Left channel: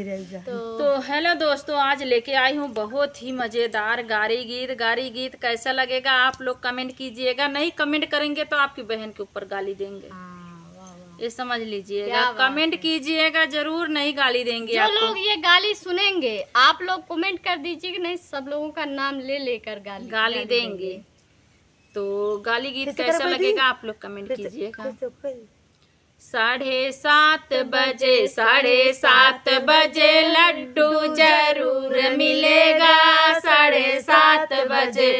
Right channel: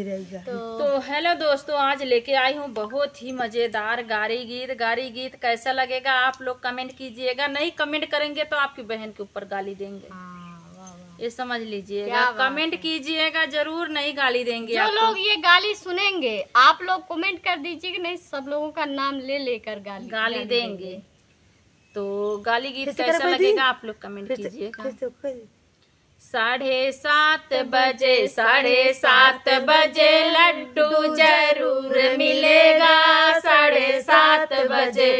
तो हेलो दोस्तों, आज लेके आई हूँ बहुत ही मजेदार गारी गीत। कैसा लगेगा आप लोग कमेंट कीजिएगा। नहीं कमेंट करेंगे तो आपकी बहन के ऊपर गाली देंगे। ये समझ लीजिएगा, कमेंट कीजिएगा जरूर, नहीं गाली देंगे। जो लोग ये गाली सुनेंगे आप लोग कमेंट कर दीजिए कि नहीं, सब लोगों का नाम ले लेकर गाली देंगे। तो गाली गीत कैसा लगेगा आप लोग कमेंट कीजिएगा। 7:30 बजे लड्डू जरूर मिलेगा। 7:30 बजे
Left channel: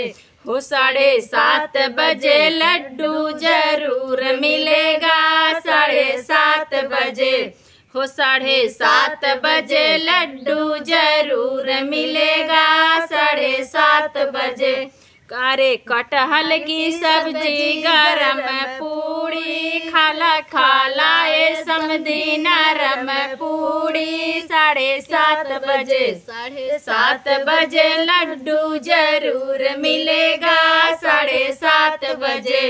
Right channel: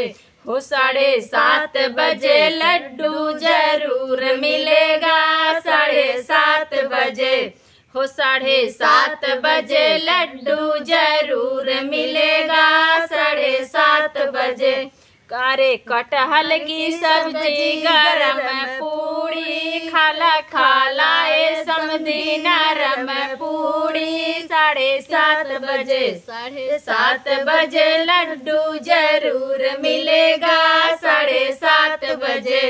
हो 7:30 बजे लड्डू जरूर मिलेगा। 7:30 बजे हो 7:30 बजे लड्डू जरूर मिलेगा। 7:30 बजे अरे कटहल की सब्जी गरम पूड़ी खाला ए समधी नरम पूड़ी। 7:30 बजे 7:30 बजे लड्डू जरूर मिलेगा। 7:30 बजे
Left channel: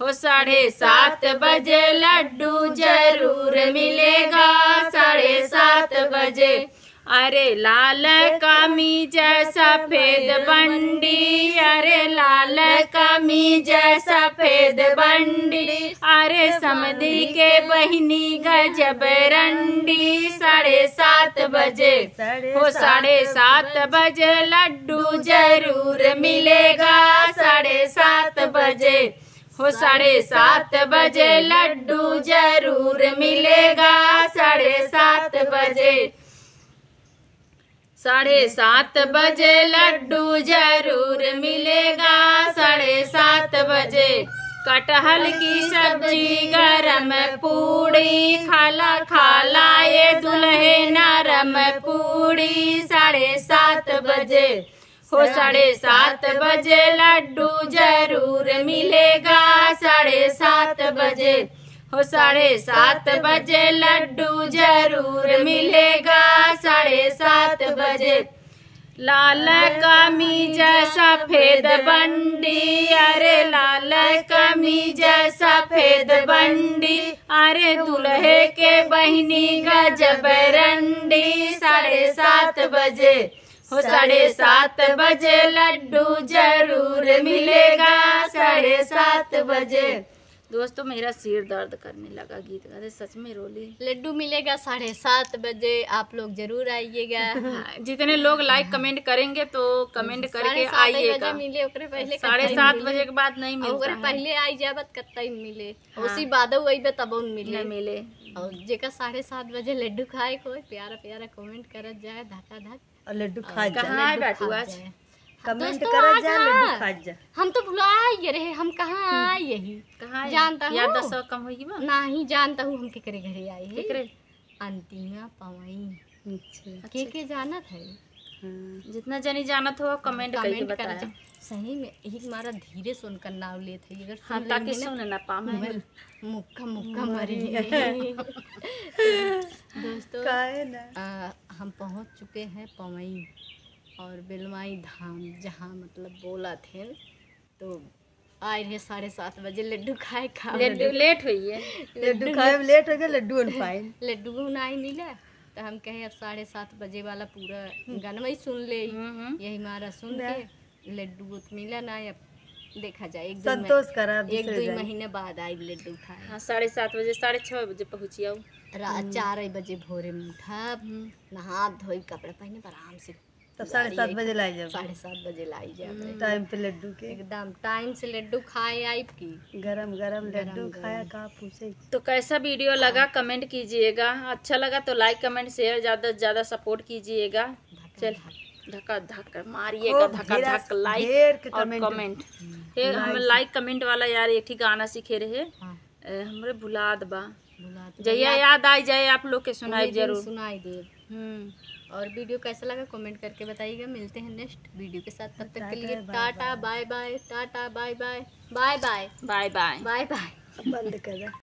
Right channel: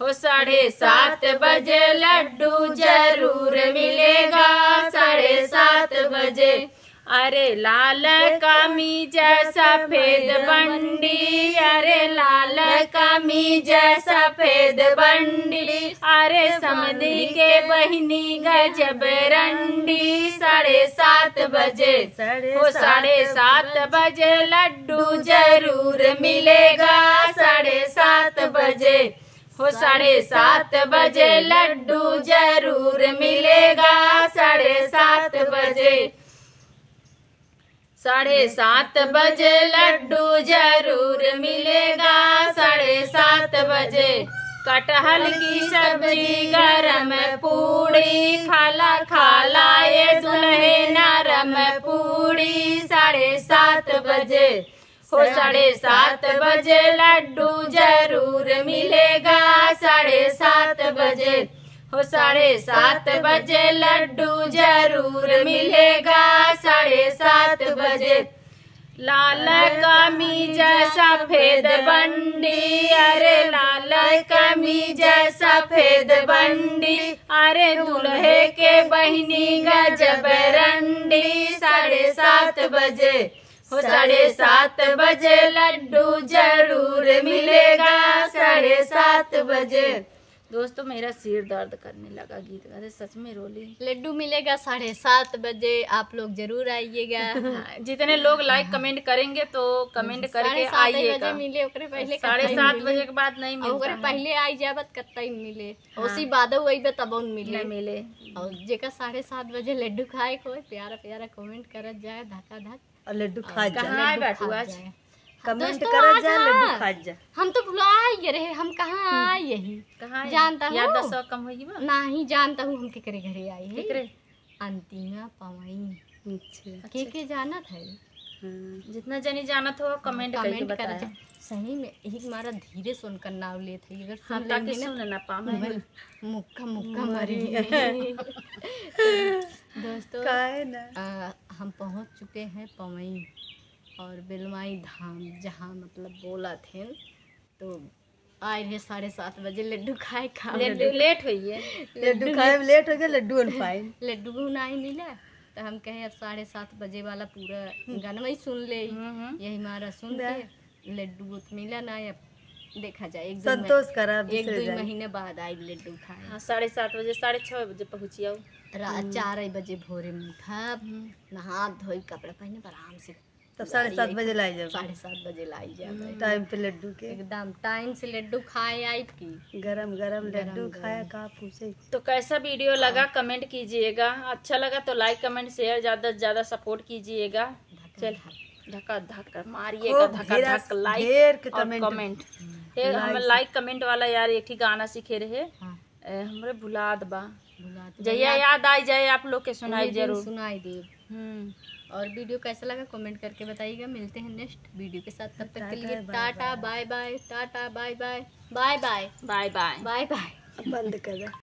हो 7:30 बजे लड्डू जरूर मिलेगा। 7:30 बजे अरे लाल कमीज सफेद बंडी, अरे लाल कमीज सफेद बंडी, अरे समधी के बहिनी गजब रंडी। 7:30 बजे हो 7:30 बजे लड्डू जरूर मिलेगा। 7:30 बजे हो 7:30 बजे लड्डू जरूर मिलेगा। 7:30 बजे 7:30 बजे लड्डू जरूर मिलेगा। 7:30 बजे कटहल की सब्जी गरम पूड़ी खाला ये दुल्हे नरम पूड़ी। 7:30 बजे हो 7:30 बजे लड्डू जरूर मिलेगा। 7:30 बजे हो 7:30 बजे लड्डू जरूर मिलेगा। 7:30 बजे लाल कमीज सफेद बंडी, अरे लाल कमीज सफेद बंडी, अरे दुल्हे के बहिनी गजब रंडी। 7:30 बजे हो 7:30 बजे लड्डू जरूर मिलेगा। 7:30 बजे दोस्तों मेरा सिर दर्द करने लगा गीत गाते, सच में रोली। लड्डू मिलेगा 7:30 बजे, आप लोग जरूर आइएगा। जितने लोग लाइक कमेंट करेंगे तो कमेंट करके आइएगा। बजे मिले ओकरे पहले 7:30 बजे के बाद नहीं मिलता। ओकरे पहले आई जाबत कत्ता मिले उसी बाद आइबे तब मिले। और जेका 7:30 बजे लड्डू खाए को प्यारा प्यारा कमेंट करत जाए, धक्का धक और लड्डू खा जाए। कमेंट कर जा लड्डू खा जा। हम तो भुला रहे, हम कहाँ आए यही जानता हूँ। 10 कम होगी नहीं जानता हूँ हम केकरे घरे आए हैं। अंतिमा पवई के जानत है। जितना जनी जानत हो कमेंट कर। सही में एक मारा धीरे सुनकर नाव लेते है, अगर सुन लेंगे ना पाम मुक्का मरी। दोस्तों हम पहुँच चुके हैं पवई और बेलमाई धाम, जहाँ मतलब बोला थे। तो आए रहे 7:30 बजे लड्डू खाए लेट हुई है। लड्डू खाए लेट हो गया। लड्डू नहीं मिला तो हम कहे अब 7:30 बजे वाला पूरा गाना ही सुन ले। यही हमारा सुन के लड्डू मिला ना, अब देखा जाए एक दो महीने बाद आई लड्डू खाए। 7:30 बजे 6:30 बजे पहुँची। रात 4 बजे भोरे में उठा, नहा धोई कपड़े पहने आराम से, तब 7:30 बजे लाई जाए। 7:30 बजे लाई जाए टाइम पे लड्डू के एकदम टाइम से लड्डू खाए आई की गरम लड्डू खाया का पूछे। तो कैसा वीडियो लगा कमेंट कीजिएगा। अच्छा लगा तो लाइक कमेंट शेयर ज्यादा से ज्यादा सपोर्ट कीजिएगा। चल धक्का धक्का मारिएगा, धक्का धक्का लाइक और कमेंट। हम लाइक कमेंट वाला यार एक ही गाना सीखे रहे हमरे भुलाद बा, जया याद आ जाए आप लोग के सुनाई जरूर सुनाई दे। और वीडियो कैसा लगा कमेंट करके बताइएगा। मिलते हैं नेक्स्ट वीडियो के साथ, तब तक के लिए tata bye bye. Tata bye bye bye bye bye bye bye bye. बंद कर।